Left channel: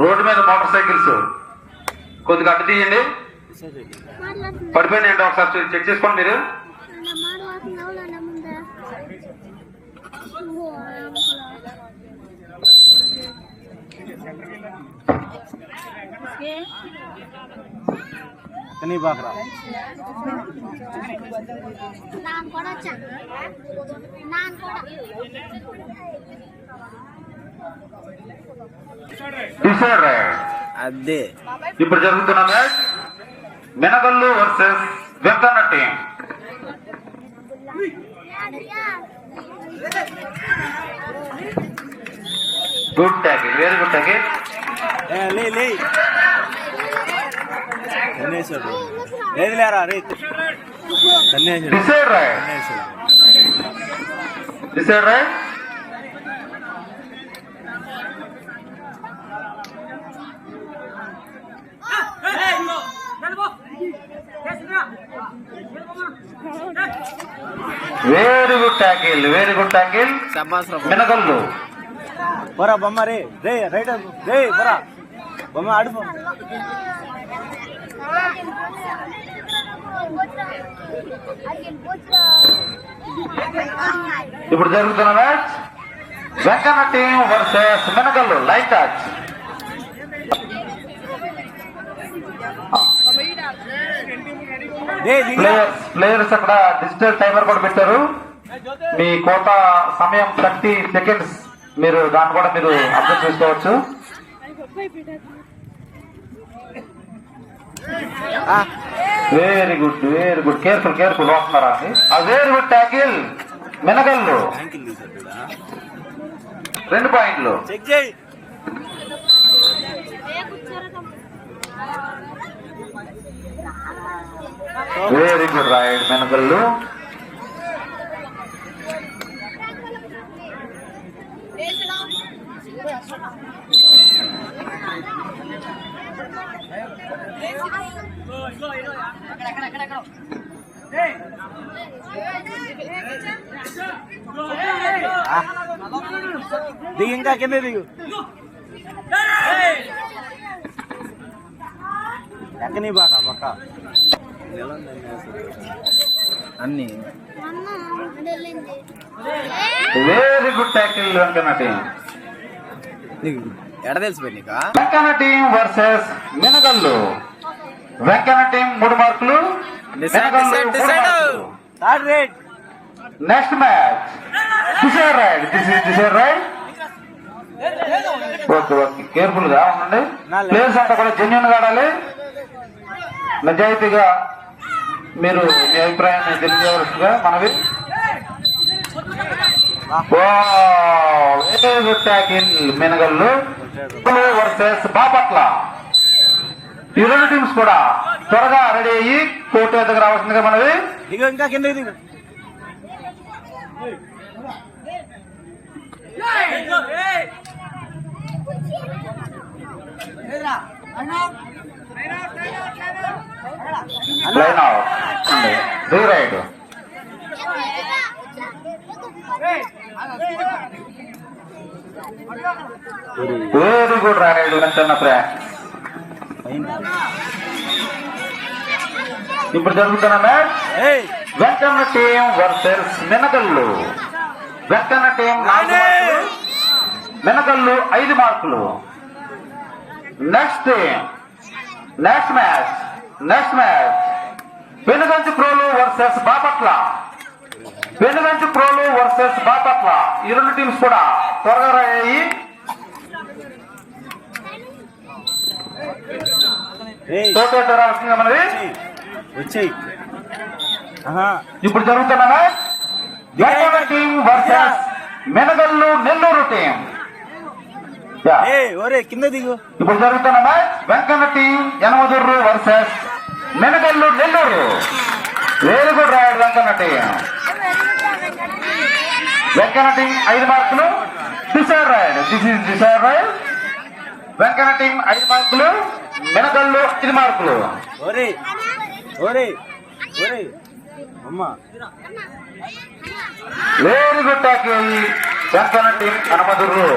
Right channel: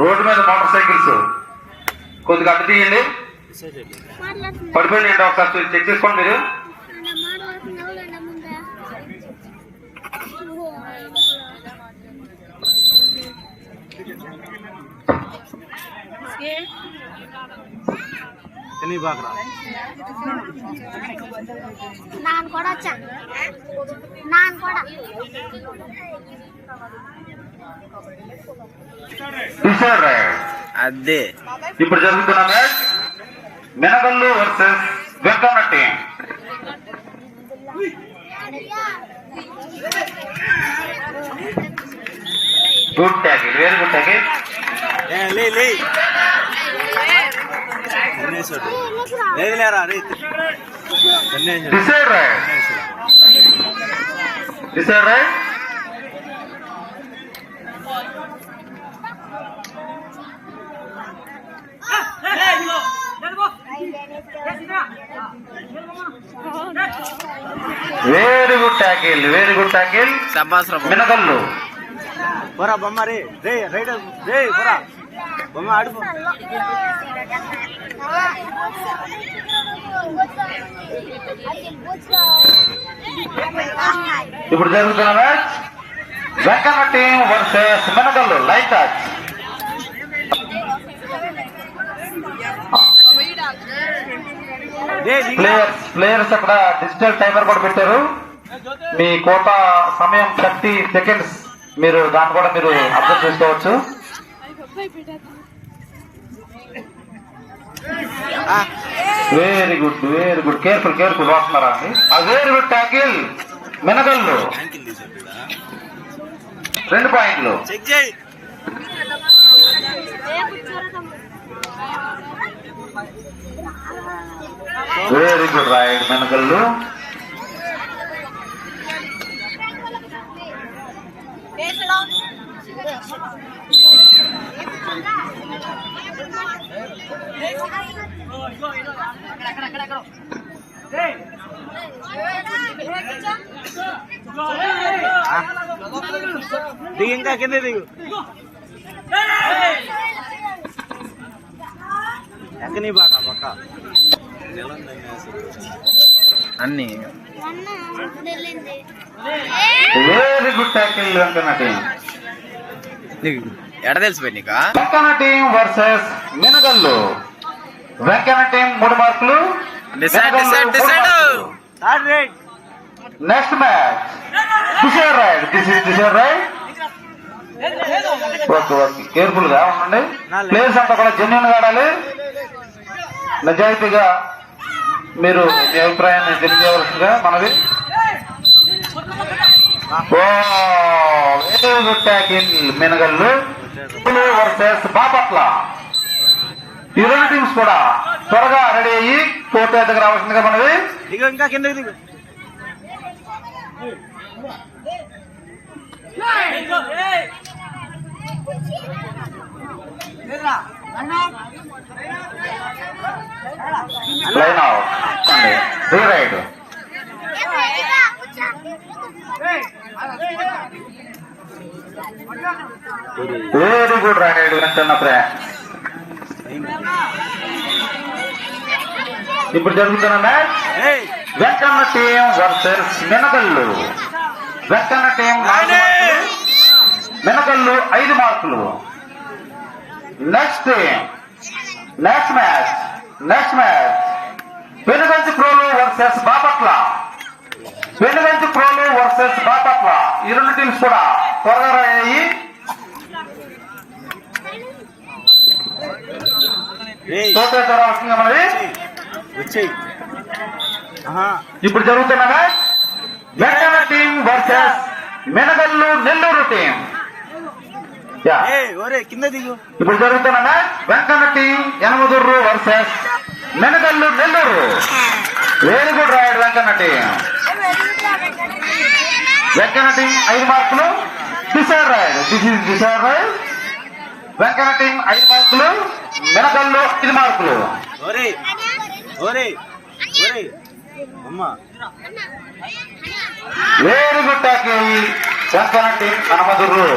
Road మీద motor cycles కొద్దిగా అడ్డు తీయండి. పడిపోయినాయండి, ఒకసారి చెక్ చేసుకోండి మీరు. అదే ఇప్పుడు జరుగుతున్న match Menagallu versus Venkanna team. Good tackle, very good tackle. Decide right. Very good tackle, very good tackle. Menagallu పోరా బొమ్మ రే రే రైట్ రే పోరా బొమ్మ ఆడుకో. ఇప్పుడు జరుగుతున్న match Venkanna team versus Menagallu. Line touch. Players అక్కడ డిజిటల్ టైమర్ కూడా పెట్టారు. మీ కోట సమయం 30 సెకండ్స్. మీరు దాన్ని కూడా మీరు అర్థం చేసుకోవచ్చు. Very good, very good. Careful, careful. వస్తున్నారా అండి? Very good tackle Menagallu. 2 పాయింట్లు. Very good raid Menagallu. దిగు, ఇంకా కింద దిగు. ఎక్కని బాగా పక్క అన్ని. Very good tackle Venkanna team. ఎడ తెలిసిపోయి నీకు. Venkanna team versus Menagallu. Venkanna team 3 మార్కులు. Next match decide right. Decide right. Okay okay, careful గా ఉండండి. ప్లేయర్స్ అంతా కూడా జెన్యూన్ గా ఆడాలి. నిజాయితీగా మీరు మీ అభిప్రాయాన్ని తెలియజేయవలసిందిగా మనవి. Very good tackle Menagallu versus Bapatla. ఈ 2 టీమ్స్ కూడా త్వరగా రెడీ అయ్యి కోర్టు దగ్గర రావాల్సిందిగా మనవి. ఇంకా కింద దిగు. Line out. Raid. Very good raid చిన్న ఫ్రెండ్. ఇప్పుడు జరుగుతున్న match Venkanna team versus Menagallu. Venkanna team 4 మార్కులు, మెనగల్లు 5 మార్కులు. Next match Venuganchi Prolu versus Bapatla. Venuganchi Prolu versus Bapatla. ఈ 2 టీమ్స్ కూడా త్వరగా అయ్యి వస్తుంది మనది. ఇప్పుడు జరుగుతున్న match Venkanna team versus Menagallu Nellore team. కింద దిగు. ఇప్పుడు జరుగుతున్న match Venkanna team Yanamadurru versus Menagallu Nellore. Very good raid Venkanna team. Venkanna team 5 మార్కులు. Decide raid. Decide raid. Venkanna team 5 మార్కులు, మెనగల్లు 5 మార్కులు. అమ్మా very good tackle Venkanna team Kanamaduru.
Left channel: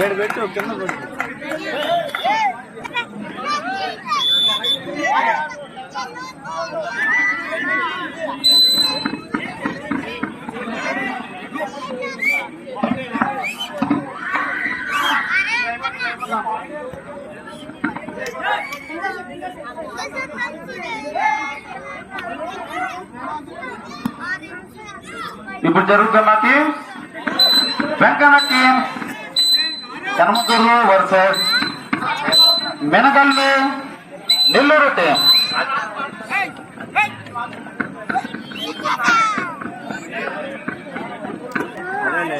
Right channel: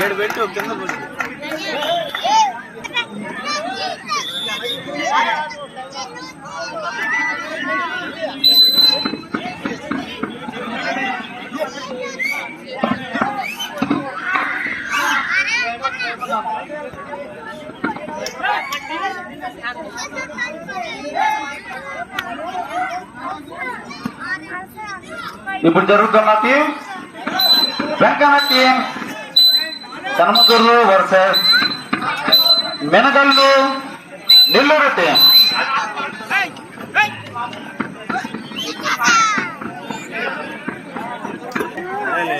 7 పెట్టు కింద పెట్టు. ఇప్పుడు జరుగుతున్న team Venkanna team Kanamaduru versus Menagallu Nellore team.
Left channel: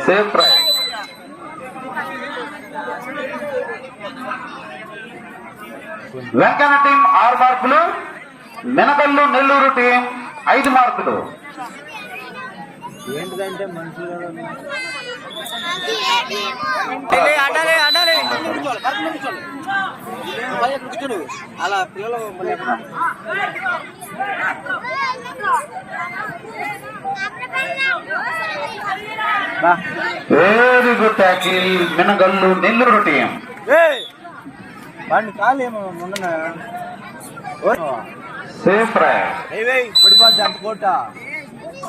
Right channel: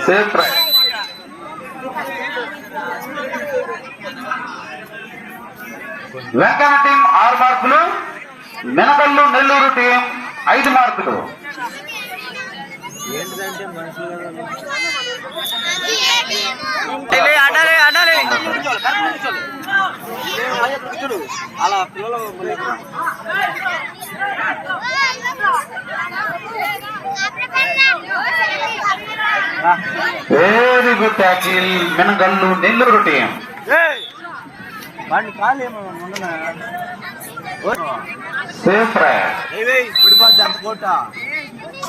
Safe try. Venkanna team 6 మార్కులు, మెనగల్లు నెల్లూరు టీం 5 మార్కులు. ఏంటిదంటే మనుషులు అలా పిల్లలు మళ్ళీ very good tackle Menagallu Nellore team. వాడిని కాలేమో మొన్న సేఫ్ ట్రై. పడిపోద్ది అంత కోట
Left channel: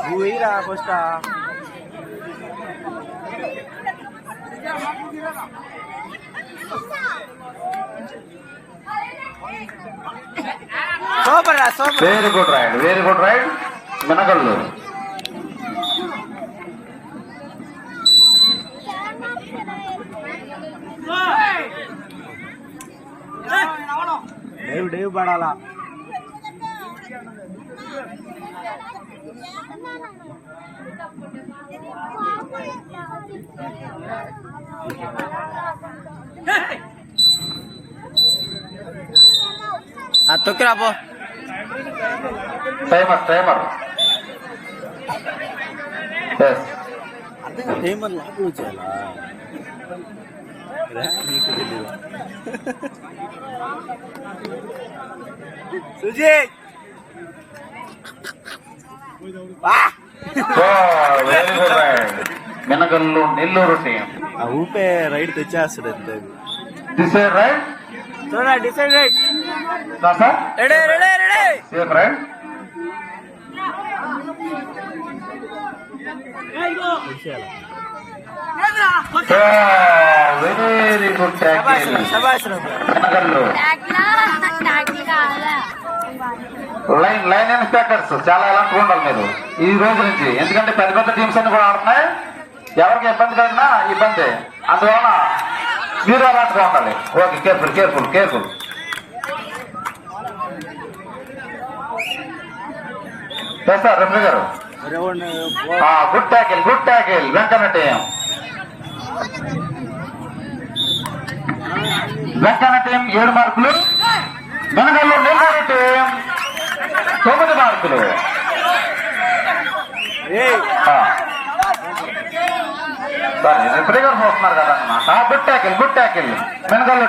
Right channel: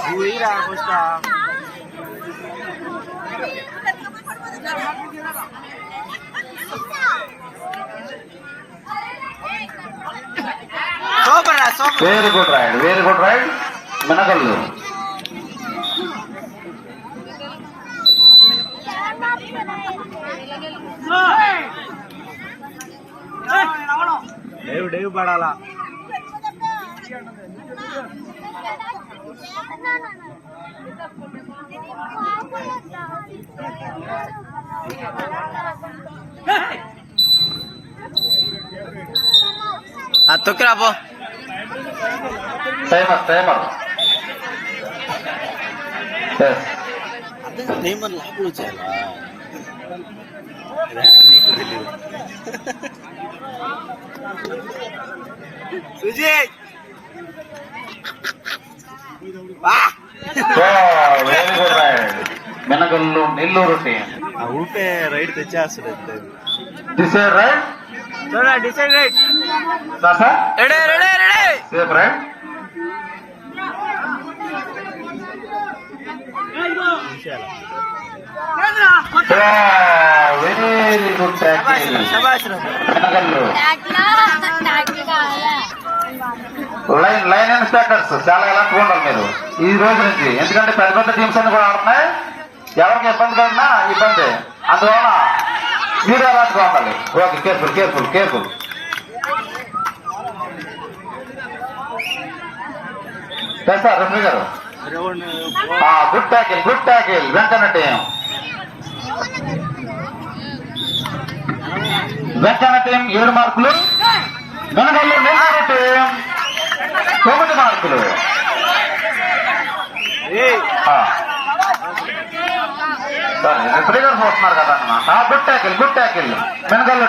నువ్వు వెయ్యిరా first. Very good raid, very good raid Menagallu. డేవ్ పడాలా. తొక్కిరా పో. టైమర్ టైమర్ టైమర్ లోపల వచ్చాలా నీకు తెలియదు. Sujith very good raid Menagallu Nellore team. ఊపే రైడ్ తెచ్చేస్తాడు అంతే. డిసైడ్ రైడ్ చూడండి decide raid safe raid. Very good tackle Menagallu. Line inspectors చాలా ఎలాంటిగా ఉండాలి మీరు ఈ రోజు నుంచి, ఎందుకంటే పెద్ద పెద్ద టీమ్స్ అన్ని కూడా ఆడుతున్నాయి. ఎవరికి ఇబ్బంది కలిగినా ఇబ్బంది, అందువలన మీరు అలాంటిగా ఉండాలి. Okay, careful careful careful. Sir referee గారు good tackle Venkanna team. Venkanna team 7 మార్కులు, మెనగల్లు నెల్లూరు టీం 9 మార్కులు. సరే రెఫరీ గారు చూస్తున్నారు కదా అన్నమాట. Good tackle మెనగల్లు.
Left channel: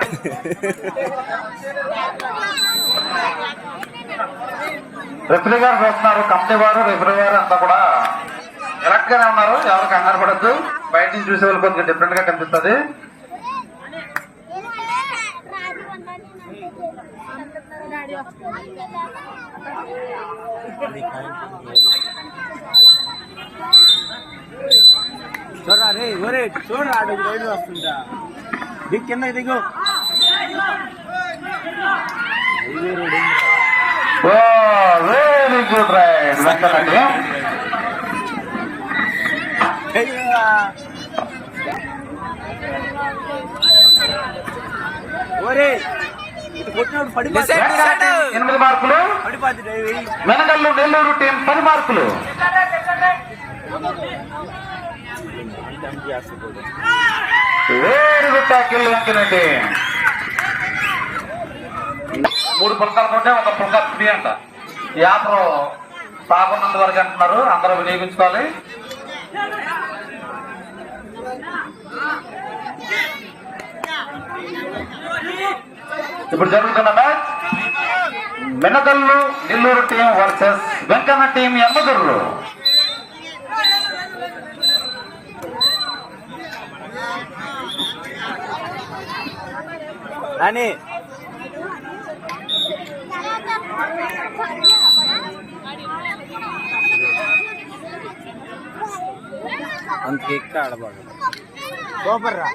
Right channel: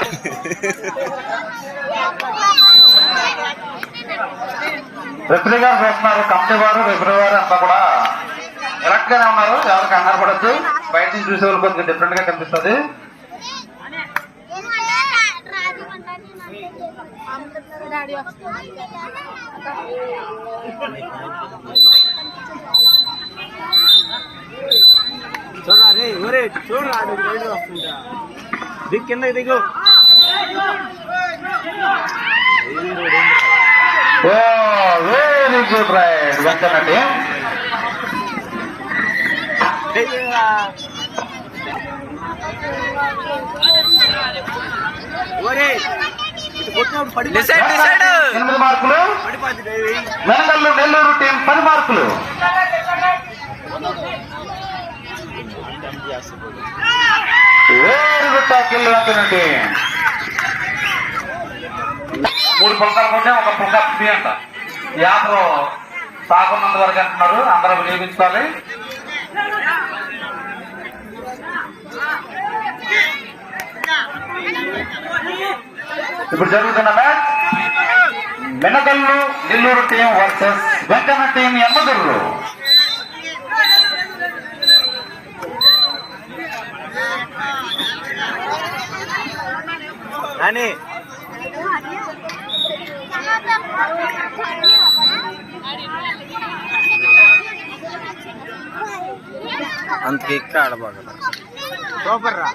రెఫరీ గారు చూస్తున్నారు, కమిటీ వారు రెఫరీ వారు అంతా కూడా కరెక్ట్ గానే ఉన్నారు. ఎవరు కంగారు పడద్దు, బయట నుంచి చూసే వాళ్ళు కొద్దిగా డిఫరెంట్ గా కనిపిస్తుంది. చూడరా రే ఒరే చూడరా రైడ్ వస్తుందా. దిగు కిందకి దిగు. Very good raid Venkanna team. ఒరే 8 మార్కులు, మెనగల్లు నెల్లూరు టీం 10 మార్కులు. Very good tackle Venkanna team. 3 పుల్కాలు కొంటే 1 పుల్కా ఫ్రీ అంట. యాత్ర సాగున్నంత వరకు అంటున్నారు, అందరూ వినియోగించుకోవాలి. ఇప్పుడు జరుగుతున్న match Menagallu Nellore team versus Venkanna team Yemmadurru. నాని అంతకి ఎక్క ఆడబాగల సూపర్ రా.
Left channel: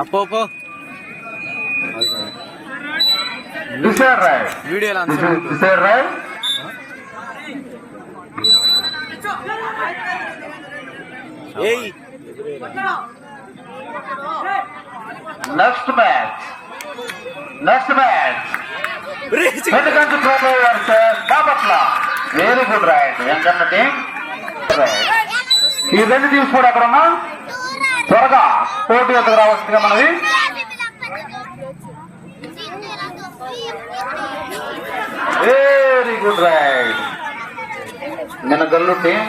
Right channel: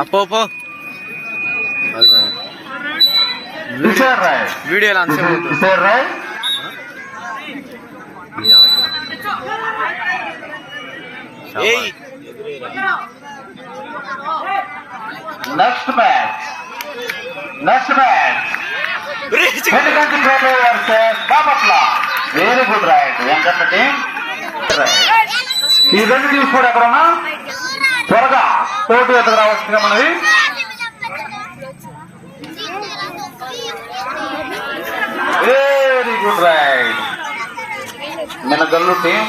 అప్పో కిషోర్ రాయ్ వీడియోలో అంతే కిషోర్ రాయ్. నెక్స్ట్ మ్యాచ్ ఎందుకంటే Bapatla. Very good right Venkanna team. ఈ రెండు టీమ్స్ కూడా ఎక్కడున్నా త్వరగా పోటీ ఎదుగు రావచ్చుగా మనది. Very good right. మన గల్లు టీం